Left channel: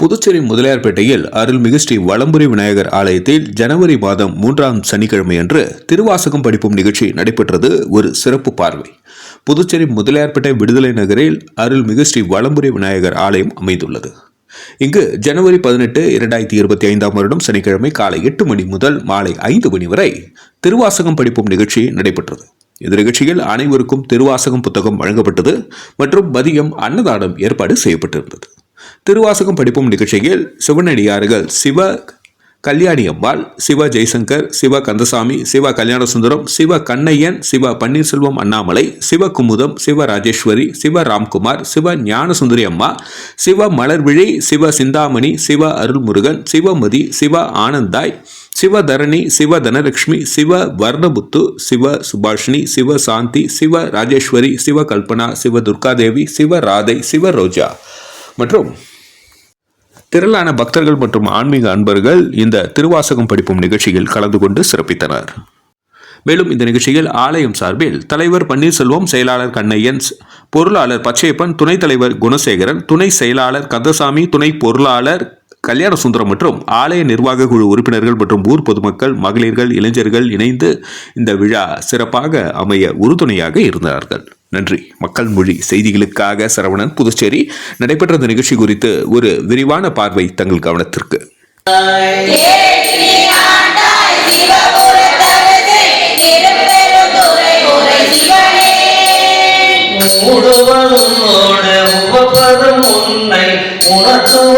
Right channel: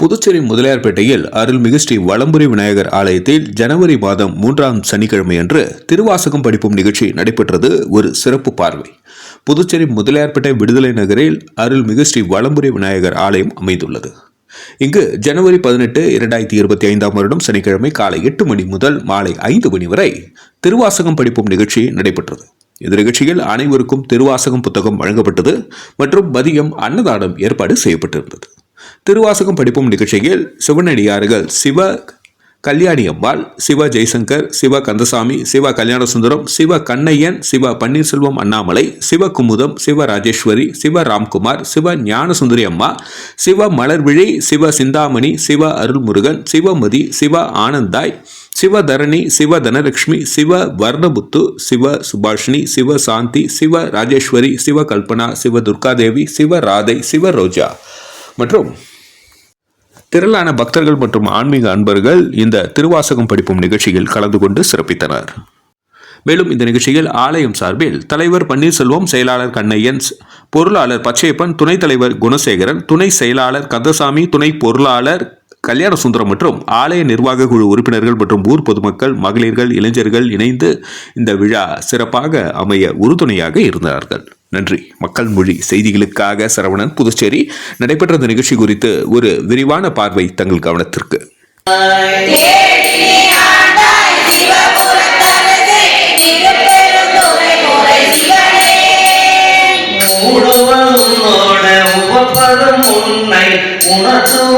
புதுச்சேரி முதலியார்பேட்டையில் அருள்மிகு ஸ்ரீ வளம்புரி விநாயகர் ஆலயத்தில் ஜனவரி மாதம் மூன்றாம் சனிக்கிழமையன்று திருவாசகம் படிப்பும் நிகழ்ச்சி நடைபெற்றது. ஒரு சிறப்பு பார்வை. புதுச்சேரி முதலியார்பேட்டை விடுதலை நகரில் அருள்மிகு ஸ்ரீ வலம்புரி விநாயகர் ஆலயம் அமைந்துள்ளது. இங்கு ஜனவரி பதினெட்டு இரண்டாயிரத்தி இருபத்தி ஐந்தாம் வருடம் சனிக்கிழமை காலை எட்டு மணி முதல் மாலை ஐந்து மணி வரை திருவாசகம் படிப்பும் நிகழ்ச்சி நடைபெற்றது. இந்த நிகழ்ச்சியில் அனைவருக்கும் திருவாசகம் புத்தகம் வழங்கப்பட்டது மற்றும் மதியம் அன்னதானம் ஏற்பாடு செய்யப்பட்டிருந்தது. திருவாசகம் படிப்பும் நிகழ்ச்சியில் சிவனடியார்கள் சிவ கல்யாணி அம்பாள் சிவ ஜெய்சங்கர் சிவ கந்தசாமி சிவ கல்யாணசுந்தரம் சிவ கண்ணையன் சிவ பன்னீர்செல்வம் அண்ணாமலை சிவ குமுதம் சிவ ராஜேஸ்வரி சிவ ராம்குமார் சிவ ஞானசுந்தரி அம்மா சிவ மலர்விழி சிவ சிந்தாமணி சிவ அருள்முருகன் சிவமதி சிவ ஆனந்தாய் சிவதரணி சிவ தனலட்சுமி சிவ வர்ணபுத்து சிவ சுபாஷினி சிவ சாந்தி சிவ ராஜேஸ்வரி சிவ கல்பனா சிவ துர்காதேவி சிவ ராதை சிவ ரோஜா. மற்றும் திரளான பக்தர்கள் மற்றும் ஆன்மீக அன்பர்கள் இந்த திருவாசகம் படிப்பும் நிகழ்ச்சியில் கலந்து கொண்டு சிறப்பித்தனர். மேலும் இந்த நிகழ்ச்சியில் ஆலயம் சார்பில் தலைவர் பன்னீர்செல்வம் செயலாளர் கண்ணையன் பொருளாளர் பச்சையப்பன் துணைத் தலைவர் குணசேகரன் துணை செயலாளர் கந்தசாமி துணை பொருளாளர் கல்யாணசுந்தரம் மற்றும் ஆலய நிர்வாக குழு உறுப்பினர்கள் மற்றும் ஊர் பொதுமக்கள் மகளிர்கள் இளைஞர்கள் இணைந்து இந்த விழா சிறப்பாக அமைய உறுதுணையாக இருந்தார்கள். நன்றி. மக்கள் மொழி செய்திகளுக்காக சரவணன் புதுச்சேரி. நடைபெற்ற இந்த நிகழ்ச்சி குறித்து ஒரு விரிவான பார்வை தங்கள் கவனத்திற்கு. உணர்த்துவ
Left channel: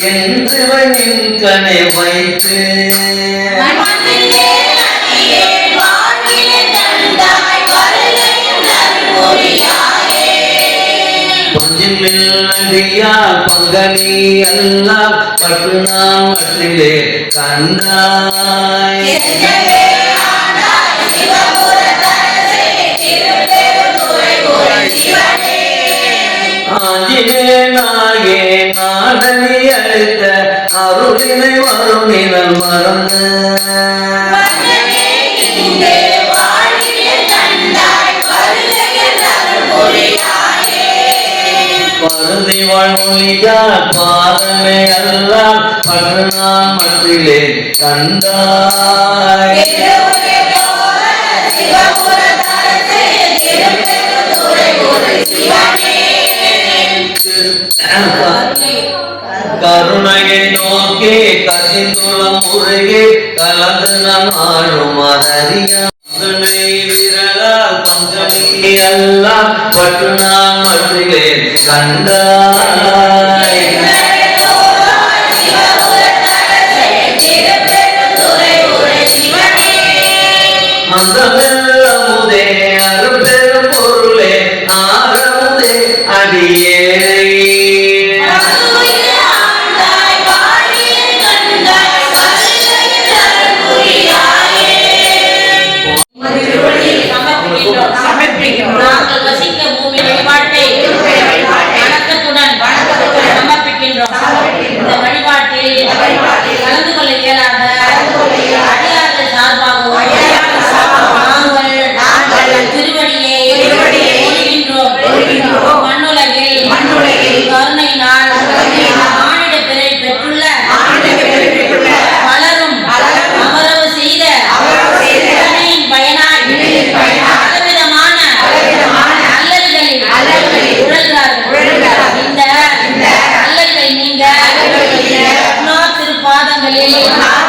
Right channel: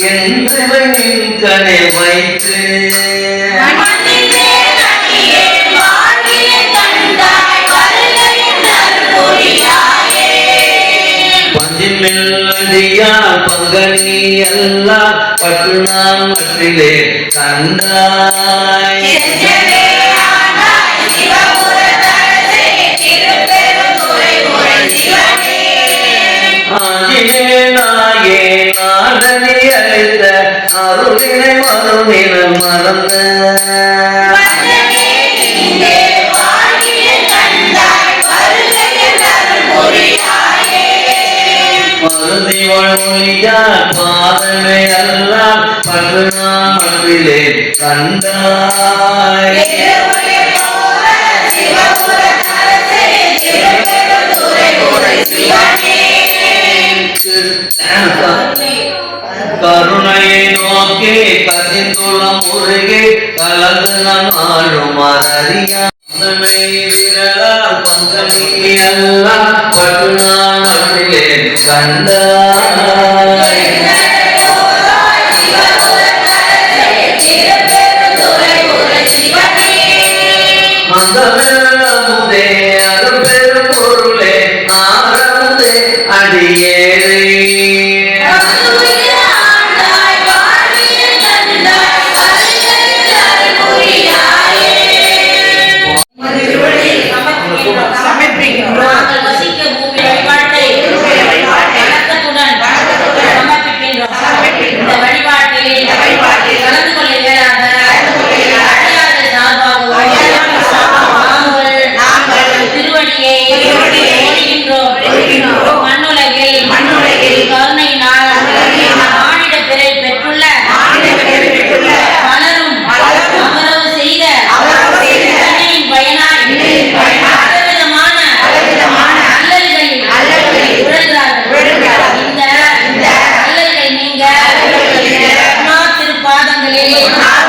செவிகண் என்றவன் வைத்து பஞ்சிமில்லடியா பங்கனி எல்லாம் பற்று நாம் கண்டாய் நாயே நாடனி அழைத்த அருளினை மருந்தினன் மறந்த. பருதி வாழ்மொழியா பாதனை நான் மற்றிலே கண்டாய். கருணையை நோக்கி கசிந்துளம் முருகே கலந்து நான் ஆளும் அறியா பங்கனி எல்லாம் பட்டு நான் மற்றிலே อิมา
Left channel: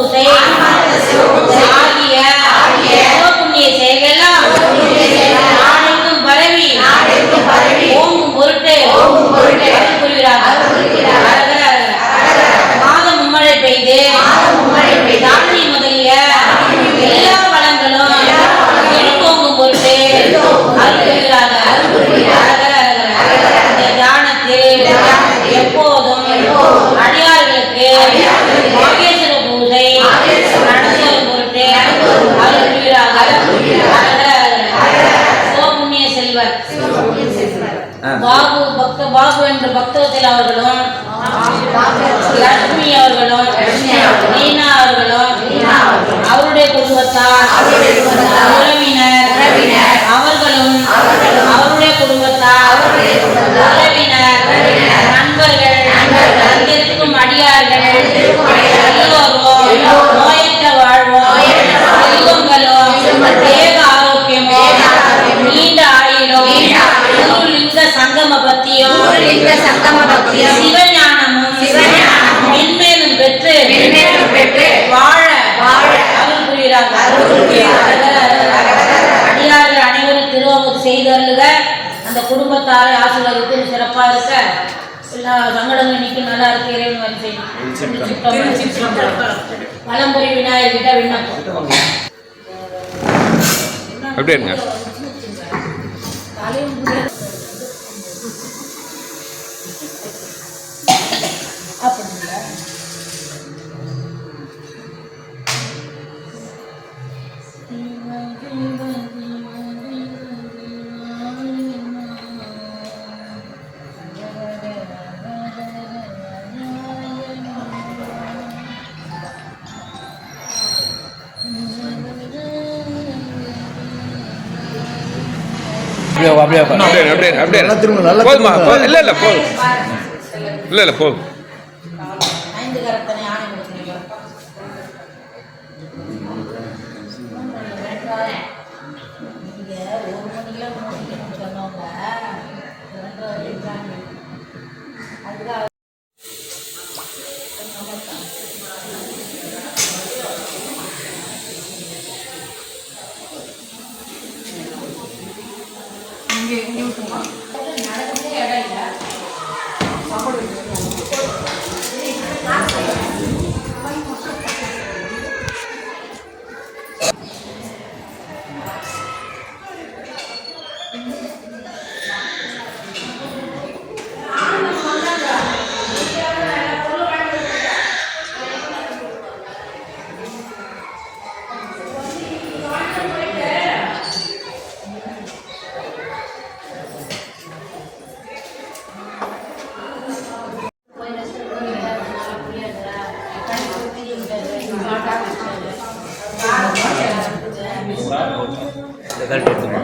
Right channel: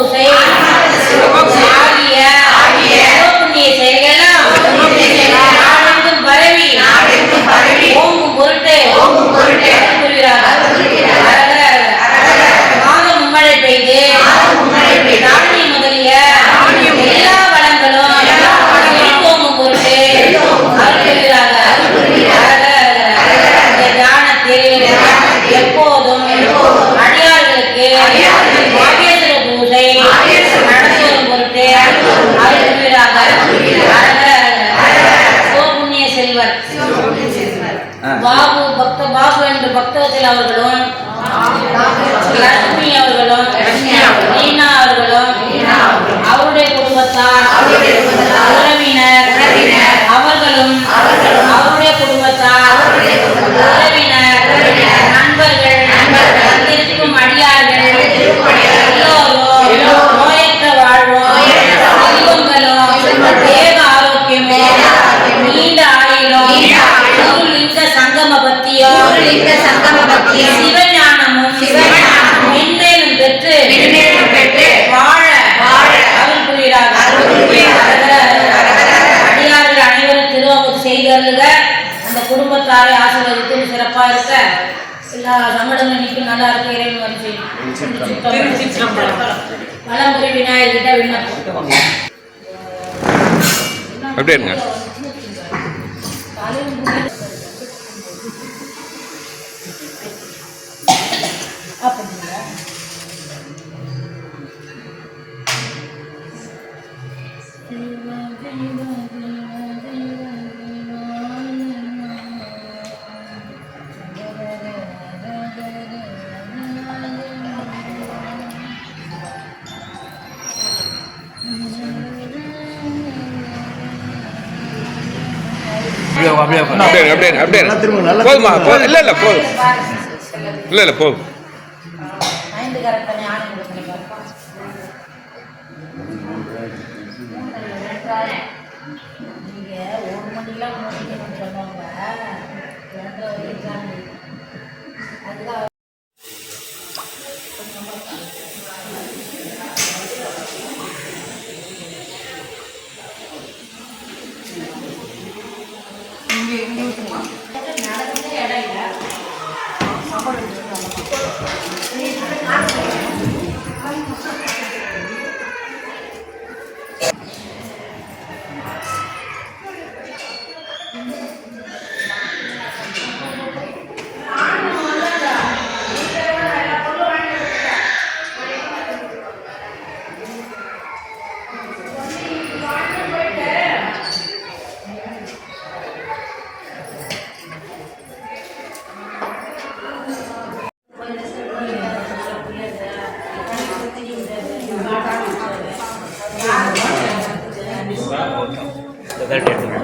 சிவபூசை ஆகிய சிவபுண்ணிய நாடெங்கும் பரவி ஓங்கும் பொருட்டு மாதம் மும்மழை பெய்து தானிய முதலிய எல்லா வளங்களும் செழித்தோங்கும் பொருட்டு அருள் புரிகிறார்கள். எப்போதும் அடியார்களுக்கு பாபு பக்தத்தில் அவர்களும் லட்சுமி அவர்களும் மீனா அவர்களும் அவருடைய குடும்பத்தார் உறவினர் அவர்களும் அவருடைய குடும்பத்தார் சிவஞானமும் சிவஞானமும் மென்மேலும் பெற்று மென்மேலும் பெற்று வாழ வாழ அருள் புரிகிறார்கள். அருள். அடியார்கள் அனைவரும் திருவமுது செய்தருளுக. அந்த குடும்பத்தாரை ஆசீர்வதித்து சிறப்பா இருக்க. எல்லா சங்கடங்களும் நீக்கி நல்லா இருக்க இறைவன் வந்து பழம்புரி விநாயகர்கிட்ட விண்ணப்பம். அப்படியே அப்படியே அப்படியே அப்படியே. போதுமா? இல்ல இல்ல போதும். இல்ல இல்ல போதும். రిజల్ట్ ఎట్లుంది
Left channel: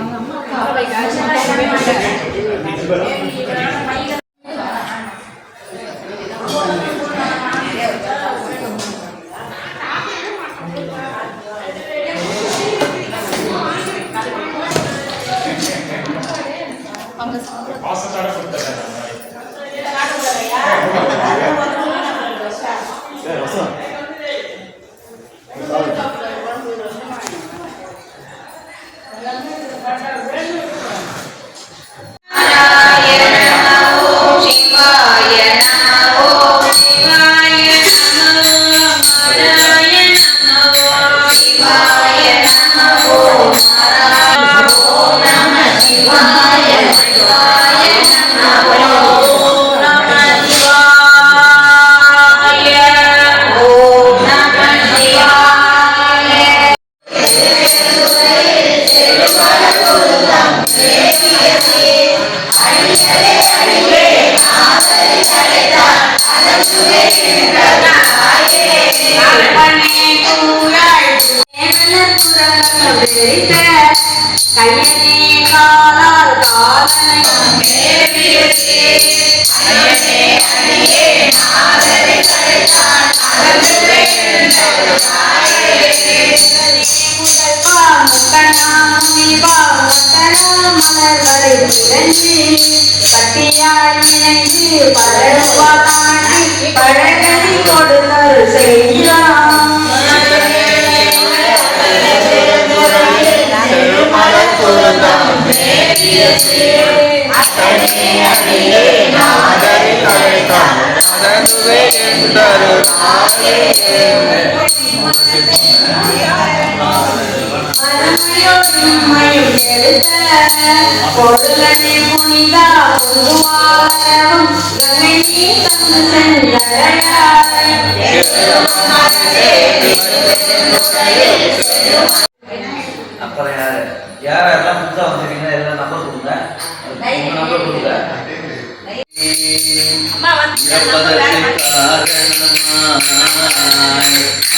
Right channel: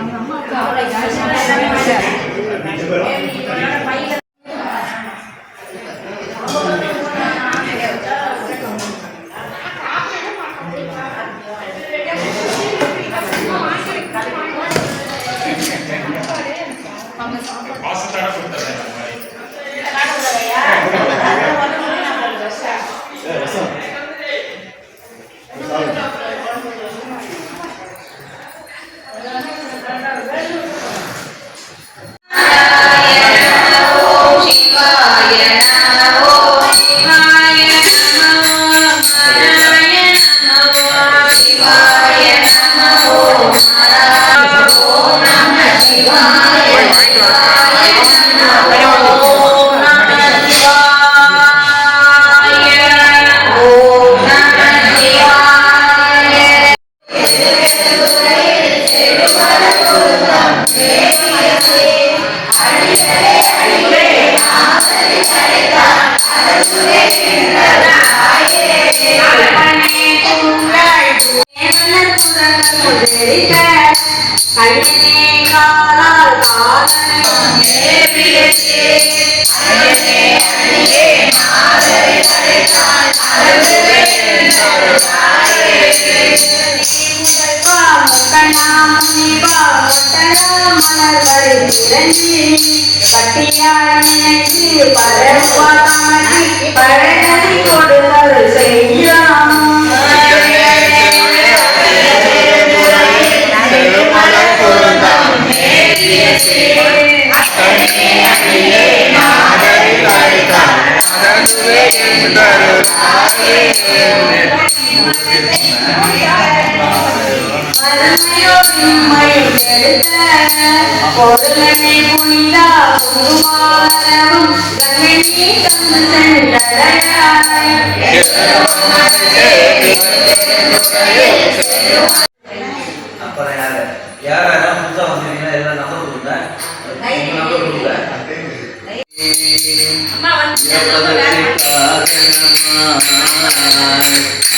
అమ్మ மலர்வரை விரஞ்சி கட்டியால் நினைந்து பரவா தமனை பழகனை கொடுதல் செய்யாம் மதமையோடும் மயிலெடுத்த பொருளனை புனிதா புதுவாளரும் கங்கனி தந்து சென்றடையாய் அப்புறம் யார் யாரெல்லாம் புதுசாக வந்தீங்கன்னா எல்லாம் நம்பர் கொடுங்க உங்க நம்பர் கொடுங்க இறப்பதற்கு காரணமாய்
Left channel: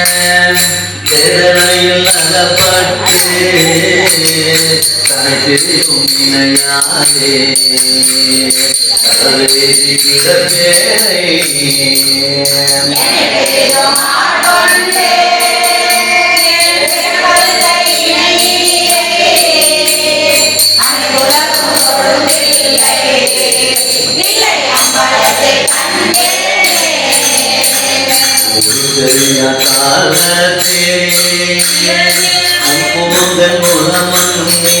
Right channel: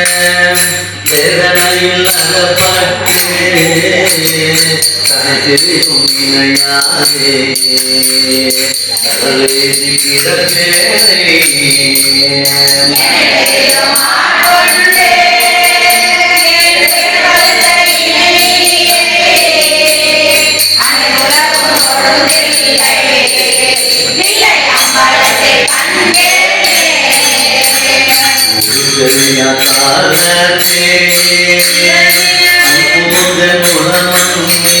தனித்திருக்கும் இணையாதே கடலேறி கிடப்பேனை குணமன்னே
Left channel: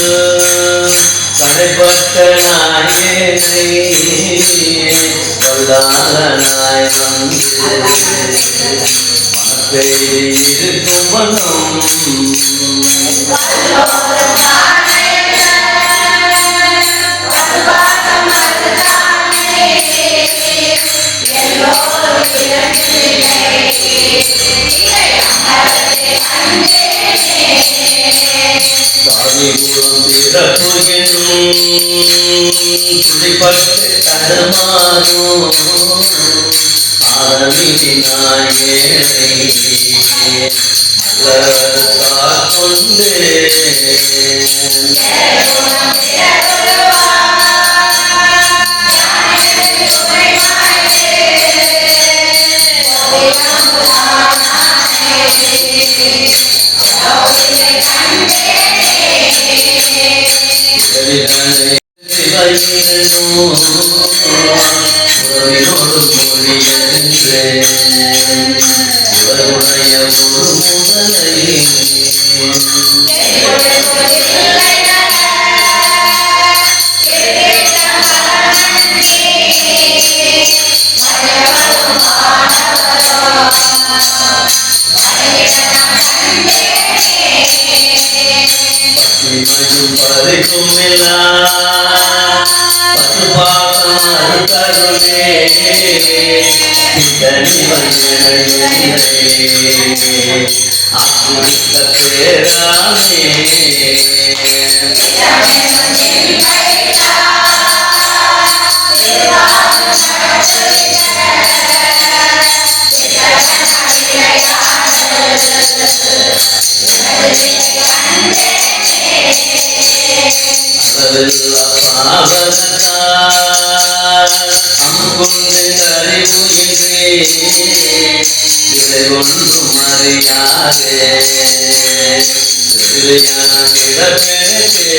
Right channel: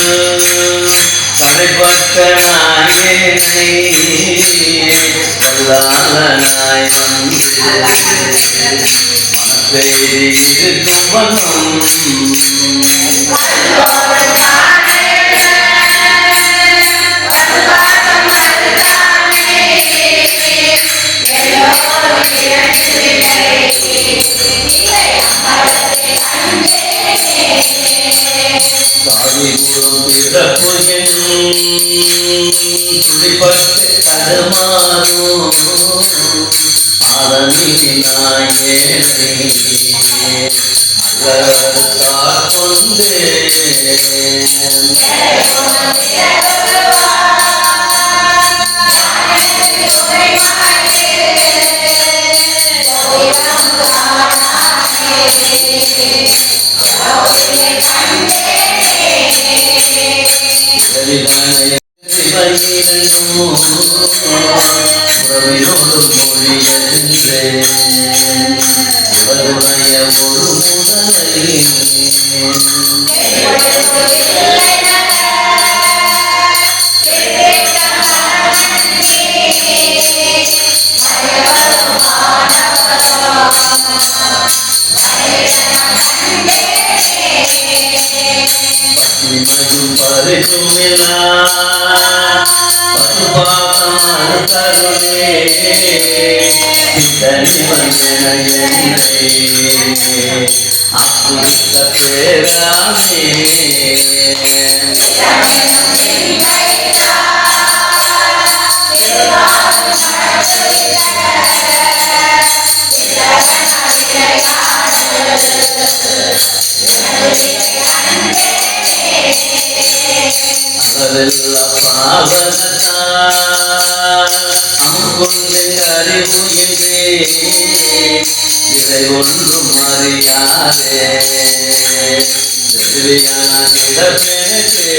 நாயேனை வல்லாளனாய் வந்து இருக்கும் பிறப்பு என்னும் துடிப்பட்டு தடுமாறும் ஆதமினாயே அல்ல காக்கொண்டே உறவினோடு மொழியறிந்தேன் உலகுடைய ஒரு முதலை ಕರುಣೆ Love is love, love is love. பாவனத்தால் அமுகொண்டு அறிவுகின்றே விலை ஒன்றும் அறியாதே. வெகுளியான கிடப்பேனே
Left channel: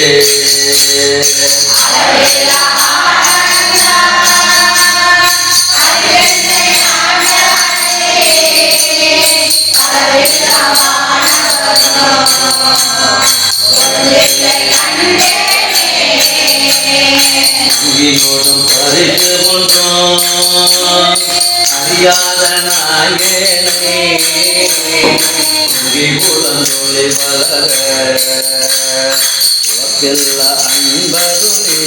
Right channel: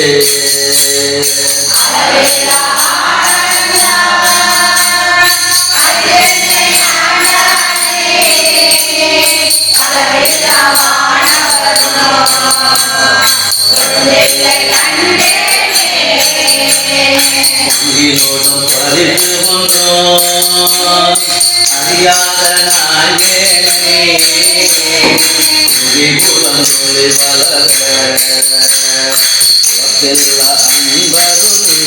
ஆ உயிரோடும் பறித்து கொண்டோம். அறியாத நாயேனை வளர உலகெல்ல அன்பருளே.